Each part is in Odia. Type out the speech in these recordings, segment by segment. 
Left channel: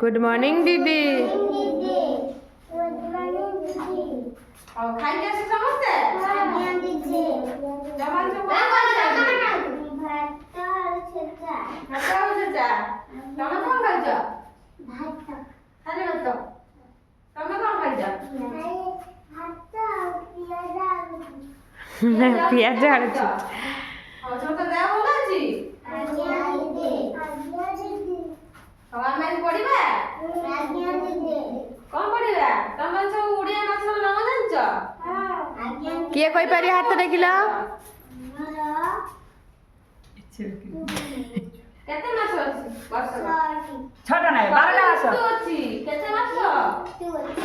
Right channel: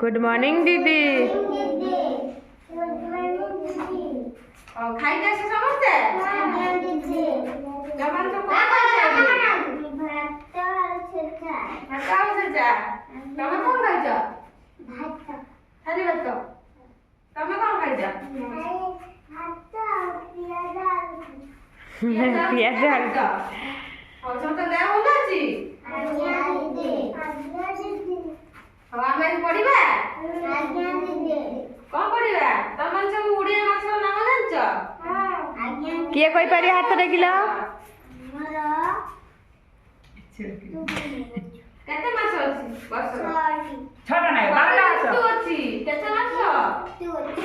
गुड मॉर्निंग दीदी। खाई जासी समस्ते जमान सब भात और छेचा तमे कोन खाइछ भात खाली भात तमे कोन खाइछ पियाज आलू और सब तो देह भल अछि अब आमे पढिबा कौन पढिबा तमे सब उड़िया माछर नाम जानछ किए कोई पारी हाथ देखिला केते माछ अछि वर्ष छोटा नाही 12 मास तू अछि केते माछ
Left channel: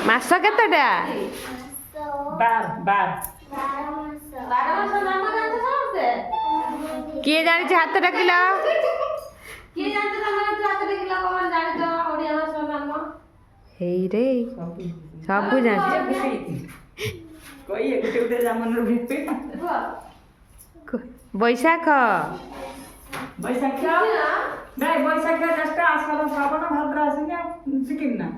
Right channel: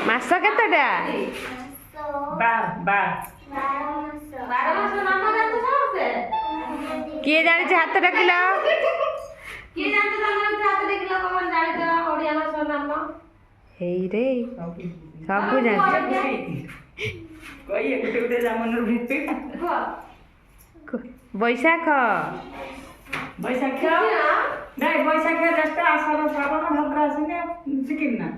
मास केतेटा 12 12 मास नाम जानछ समस्ते किए जानि हाथ देखिला किए जानछ तमे हाथ देखिला कोन जानछ ओडिया माछर नाम हेई रे सब जान कोई एक उठे जामन भिते बैशाख बैशाख नाही बैशाख जस्ट आषाढ श्रावण भाद्र आसिना सिकिन ना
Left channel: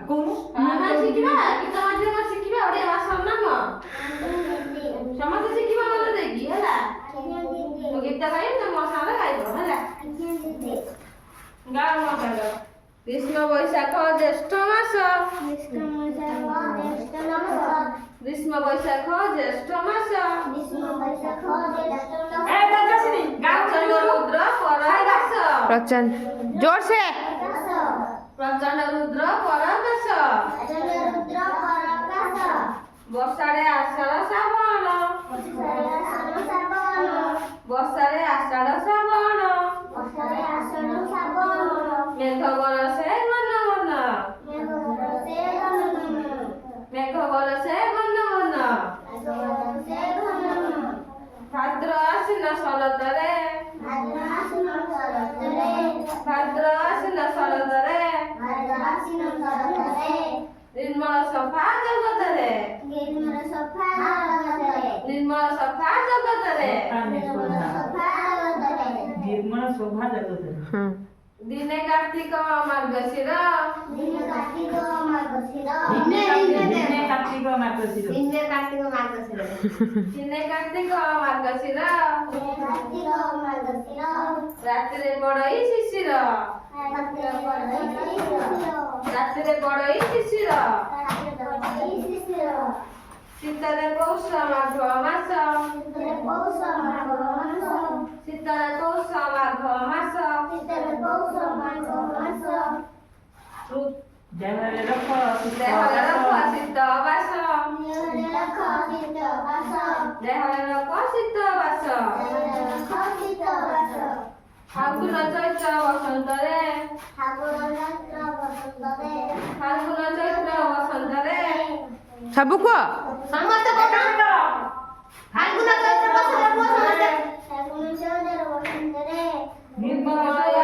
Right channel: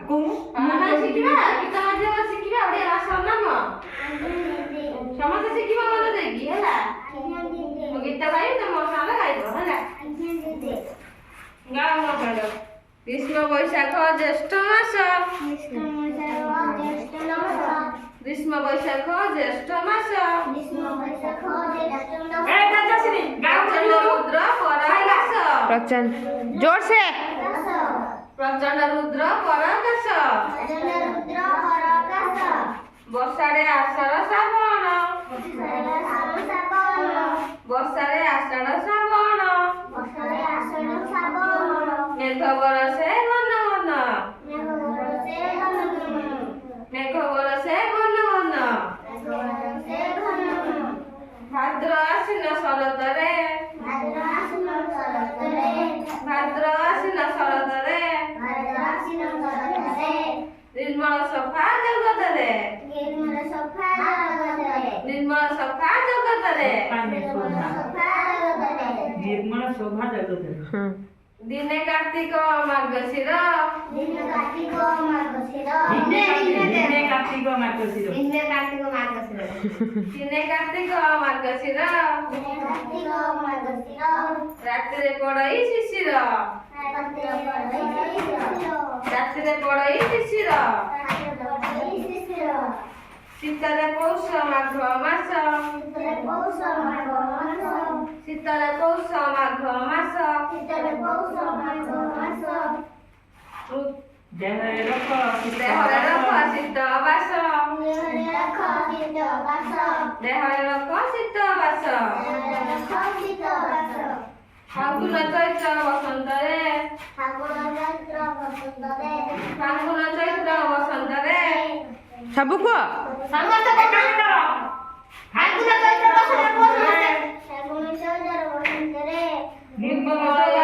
कोन ଆମେ ଶିଖିବା ଗୀତ ମାଧ୍ୟମରେ ଶିଖିବା ଓଡ଼ିଆ ଭାଷାର ନାମ ସମସ୍ତେ ଶିଖିବା ମନେ ଦେଇକି ହେଲା ମୁଁ ଗୀତ ଗାଇବି ତମ ମୋ ସାଙ୍ଗରେ ଗାଇବ ହେଲା ଗାଅ ମୋ ସାଙ୍ଗରେ କୃଷ୍ଣ ବୈଶାଖ ଜ୍ୟେଷ୍ଠ ମାସ ଗ୍ରୀଷ୍ମ ବୈଶାଖ ଜ୍ୟେଷ୍ଠ ମାସ ए दादासिनी गाओ ପ୍ରଚଣ୍ଡ ରୁଦ୍ର ପରାକାଶ प्रचंड जोर से ପ୍ରଚଣ୍ଡ ରୁଦ୍ର ପରାକାଶ ବର୍ଷାରେ ଆଷାଢ଼ ଶ୍ରାବଣ ବର୍ଷାରେ ଆଷାଢ଼ ଶ୍ରାବଣ ମେଘ ବରଷେ ଘନ ଘନ ମେଘ ବରଷେ ଘନ ଘନ ଭାଦ୍ର ଆଶ୍ଵିନ ଶରତରେ ଭାଦ୍ର ଆଶ୍ଵିନ ଶରତରେ ନିର୍ମଳ ସଫା ଜଗତରେ ନିର୍ମଳ ସଫା ଜଗତରେ निर्मल शोभा जगत हाँ ଦିନେ କାର୍ତ୍ତିକ ମାର୍ଗଶିର दिने कार्तिक मातसिर ଦିନେ କାର୍ତ୍ତିକ ମାର୍ଗଶିର ରାତିରେ ପଡ଼ଇ ଶିଶିର ରାତିରେ ପଡ଼ଇ ଶିଶିର ଶୀତରେ ପୌଷ ମାଘ ମାସ ଶୀତରେ ପୌଷ ମାଘ ମାସ देहरे रख ଦେହରେ ରଖ ଶୀତ ବାସ ଦେହରେ ରଖ ଶୀତ ବାସ ଫାଲ୍ଗୁନ ଚୈତ୍ର ବସନ୍ତରେ ଫାଲ୍ଗୁନ ଚୈତ୍ର ବସନ୍ତରେ सब को निर्मल